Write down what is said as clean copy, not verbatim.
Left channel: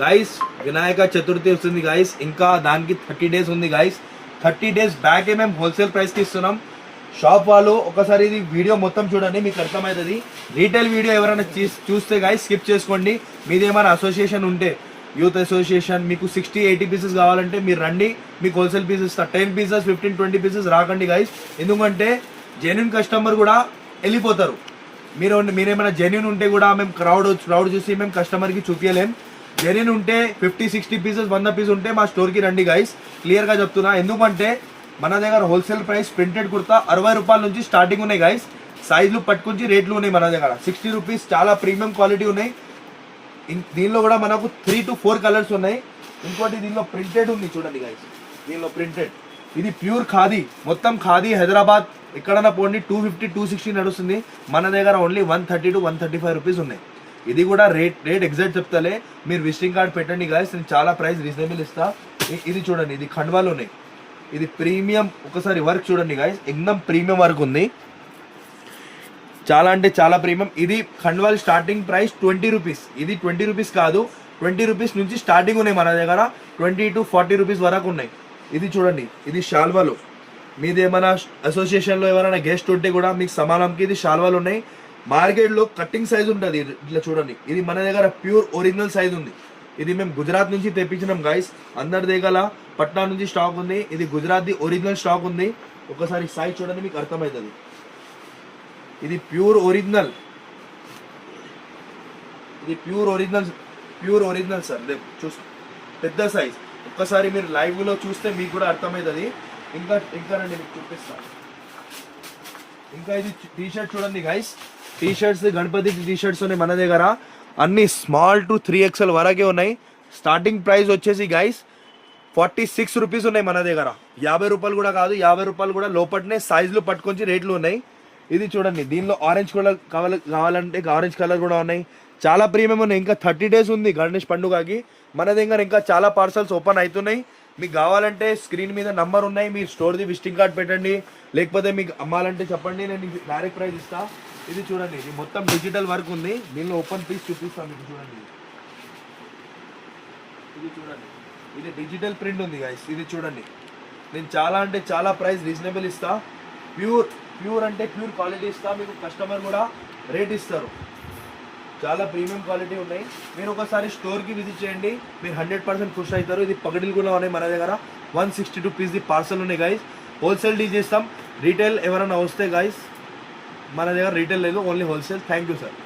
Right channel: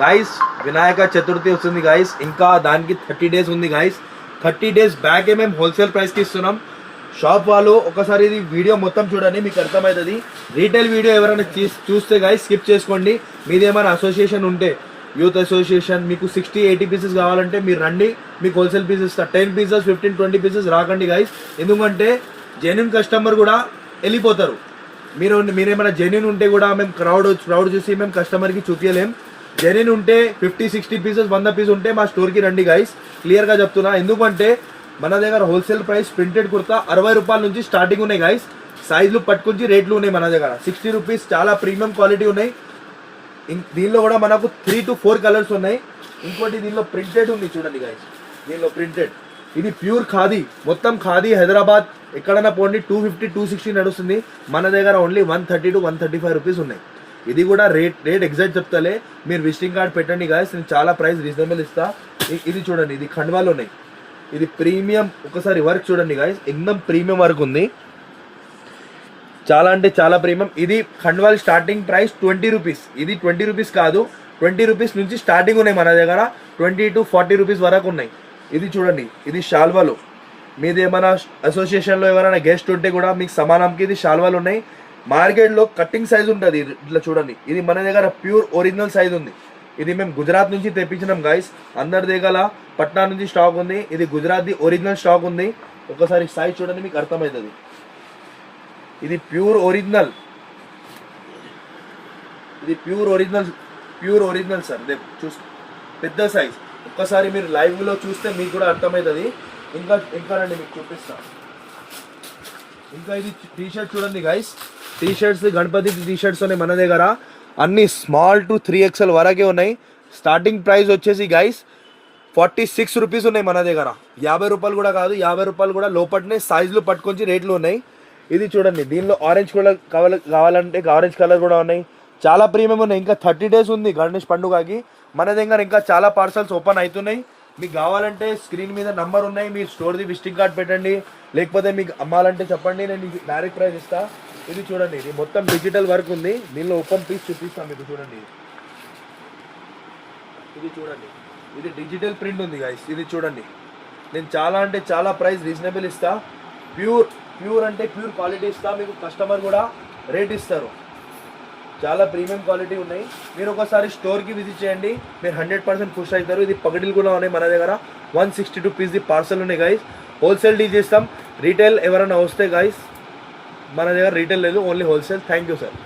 Guys Vinayaka Chaturthi వస్తుంది guys, ఇంకా దానికి 30 days ఉంది గాయస్. 30 days బ్యాకే మేము హోల్సేల్ ప్రైస్కి ఇస్తున్నాం. షాప్ వాళ్ళు ఒకసారి ఇది వీడియో మొత్తం చూడండి, మీకు అర్థమవుతుంది. రీటైల్ వీడియో ఎవరైనా చూస్తే గాయస్ స్కిప్ చేసుకోండి. మీదేమైనా అసోసియేషన్ ఉంటే, యూత్ అసోసియేషన్, మీకు 60-80 పీసెస్ కావాలంటే మీరు రండి, మీకు హోల్సేల్ పీసెస్ ఇస్తా. 10 పీసెస్ 15-20 పీసెస్ రాకండి గాయస్, ఎందుకంటే జెన్యున్ కస్టమర్ కూడా వెళ్ళిపోతారు. మీరేమైనా జెన్యున్ ఉంటే కూడా మేము క్రౌడ్ చూసి మేము కస్టమర్కి చూపించలేం. జెన్యున్ ఉంటే 50-60 పీసెస్ 100 పీస్ ఉంటే మా స్టోర్కి రండి గైస్, క్లియర్గా చెప్తున్నా. ఎందుకంటే మన దగ్గర హోల్సేల్ ప్రైస్ ప్రింటెడ్ కుర్తా 60 రూపాయల నుంచి స్టార్టింగ్ ఉన్నాయి గైస్. సైజులు పట్టుకుని రేట్లు ఉన్నాయి మన దగ్గర. 60 రూపీస్ చాలా ప్రీమియం క్వాలిటీ ఉన్నాయి. దీనిలో కూడా మనకు 3 to 4 కలర్స్ ఉన్నాయి. ఇంకోటి దీనిలో ప్రింటెడ్ ఉంది చూడండి గైస్, దీనిలో ప్రింటెడ్. ఇది ప్యూర్ ఖాదీ, మొత్తం ఖాదీ. హైదరాబాద్ ఎక్కడైనా పోండి 250-260 నడుస్తుంది. మన దగ్గర ఓన్లీ 130 to 135 రూపీస్ ఉన్నాయి. ఇది కూడా రేట్ ఎగ్జాక్ట్ చెప్తాలే, మీరు విజిటింగ్ కార్డ్ పెట్టండి గాయస్, నేను చాలా ప్రైస్ రీజనబుల్ ఇస్తా. ఇది చూడండి, ఇది ఖండ్వాలు ఉన్నాయి, ఇది ప్రీమియం. ఒకసారి వర్క్ చూడండి గాయస్, ఎక్దమ్ ప్రీమియం వర్క్ ఉంది, చాలా అంటే చాలా ప్రీమియం. ఇది ఖండ్వాల్ స్టార్టింగ్ ప్రైస్ 20 రూపీస్. ఇది 20 రూపీస్ కాదు, 20 రూపీస్ నుంచి స్టార్టింగ్ ఉన్నాయి మన దగ్గర. 20 to 40 రూపీస్ వరకు ఉన్నాయి. ఇది చూడండి, ఇది షాల్వాలు. మీది ఏమైనా అసోసియేషన్లో ఎవరైనా గెస్ట్ ఉంటే కూడా మీకు సమానంకి ఇది షాల్వాలు ఉన్నాయి. మార్కెట్లో కట్టింగ్ సైజ్ ఉంటుంది, ఇట్లా చూడండి. ఇది మన దగ్గర ప్యూర్ ఒరిజినల్ సైజ్ ఉంది. ఇది మేము గుజరాత్ నుంచి తెప్పించినాం గైస్. అందరి దగ్గర పట్నా నుంచి స్టాక్ ఉంది. ఇది గుజరాత్ ఒరిజినల్ స్టాక్ ఉంది. ఒకసారి సైజ్ చూడండి, మీకు అర్థమవుతుంది. ఇది ప్యూర్ ఒరిజినల్, ఇది ప్యూర్ ఒరిజినల్ సార్. చూసి పెద్ద సైజ్. ఒక్కసారి మీరు లైవ్లో చూస్తే మీకు కూడా అర్థమవుతుంది. ఇంకా రండి, మీకు చూపిస్తాను. ఇంకా ఇది టీ షర్ట్ చూడండి guys, T shirts Ganapati T shirts ఉన్నాయి మన దగ్గర. అన్ని స్మాల్ టు 3XL వరకే ఉన్నాయి. స్టార్టింగ్ ప్రైస్ వచ్చేసి గైస్ 46 రూపీస్ ఉన్నాయి మన దగ్గర. 50 రూపాయలు కూడా కాదు, 50 రూపాయలు కూడా లోపలనే సైజులు పట్టుకొని రేట్లు ఉన్నాయి. ఇది చూడండి, దీనిలో ఆరెంజ్ కలర్ కావాలంటే ఆరెంజ్ కలర్ కూడా ఉన్నాయి. చాలా ప్రీమియం ఉన్నాయి. ఇంకా 30 days ఉంది గణేష్ పండుగకి. మన దగ్గర ఇంకా చాలా పార్సల్స్ ఓపెన్ అవుతున్నాయి. మీకు కావాలంటే స్క్రీన్ మీద నంబర్ ఉన్నాయి, మీ స్టోర్ది విజిటింగ్ కార్డ్ పెట్టండి, లేకపోతే మీకు అమ్మాలంటే చెప్పండి, నేను డైరెక్ట్ ప్రైస్ ఇస్తా. ఇది చూడండి, ఇది మొత్తం డిజిటల్ వర్క్ ఉంది. దీనిలో ఓపెన్ పీస్ చూపిస్తాను మీకు, చూడండి. ఇది చూడండి, ఇది డిజిటల్ ప్రింట్ ఉంది గైస్. ఇది చూడండి, నేను చాలా అంటే చాలా ప్రైస్ రీజనబుల్ ఇస్తా. ప్యూర్ అంటే ప్యూర్ క్వాలిటీ ఇస్తా. మీకు కస్టమర్ కూడా రేట్ ఇస్తారు. చాలా ప్రీమియం క్వాలిటీ ఉన్నాయి. మీరు ఒకసారి స్టోర్కి విజిట్ చేయండి, మీరు 100% ఖుషి అవుతారు. ఇది పగడీలు కూడా ఉన్నాయి మన దగ్గర. 162 పీస్ పార్సల్ ఉన్నాయి గైస్. హోల్సేల్ డీల్ చేస్తాం. రీటైల్ ఎవరైనా వస్తే గైస్ మన దగ్గర రీటైల్ లేదు, only wholesale. Thank you sir.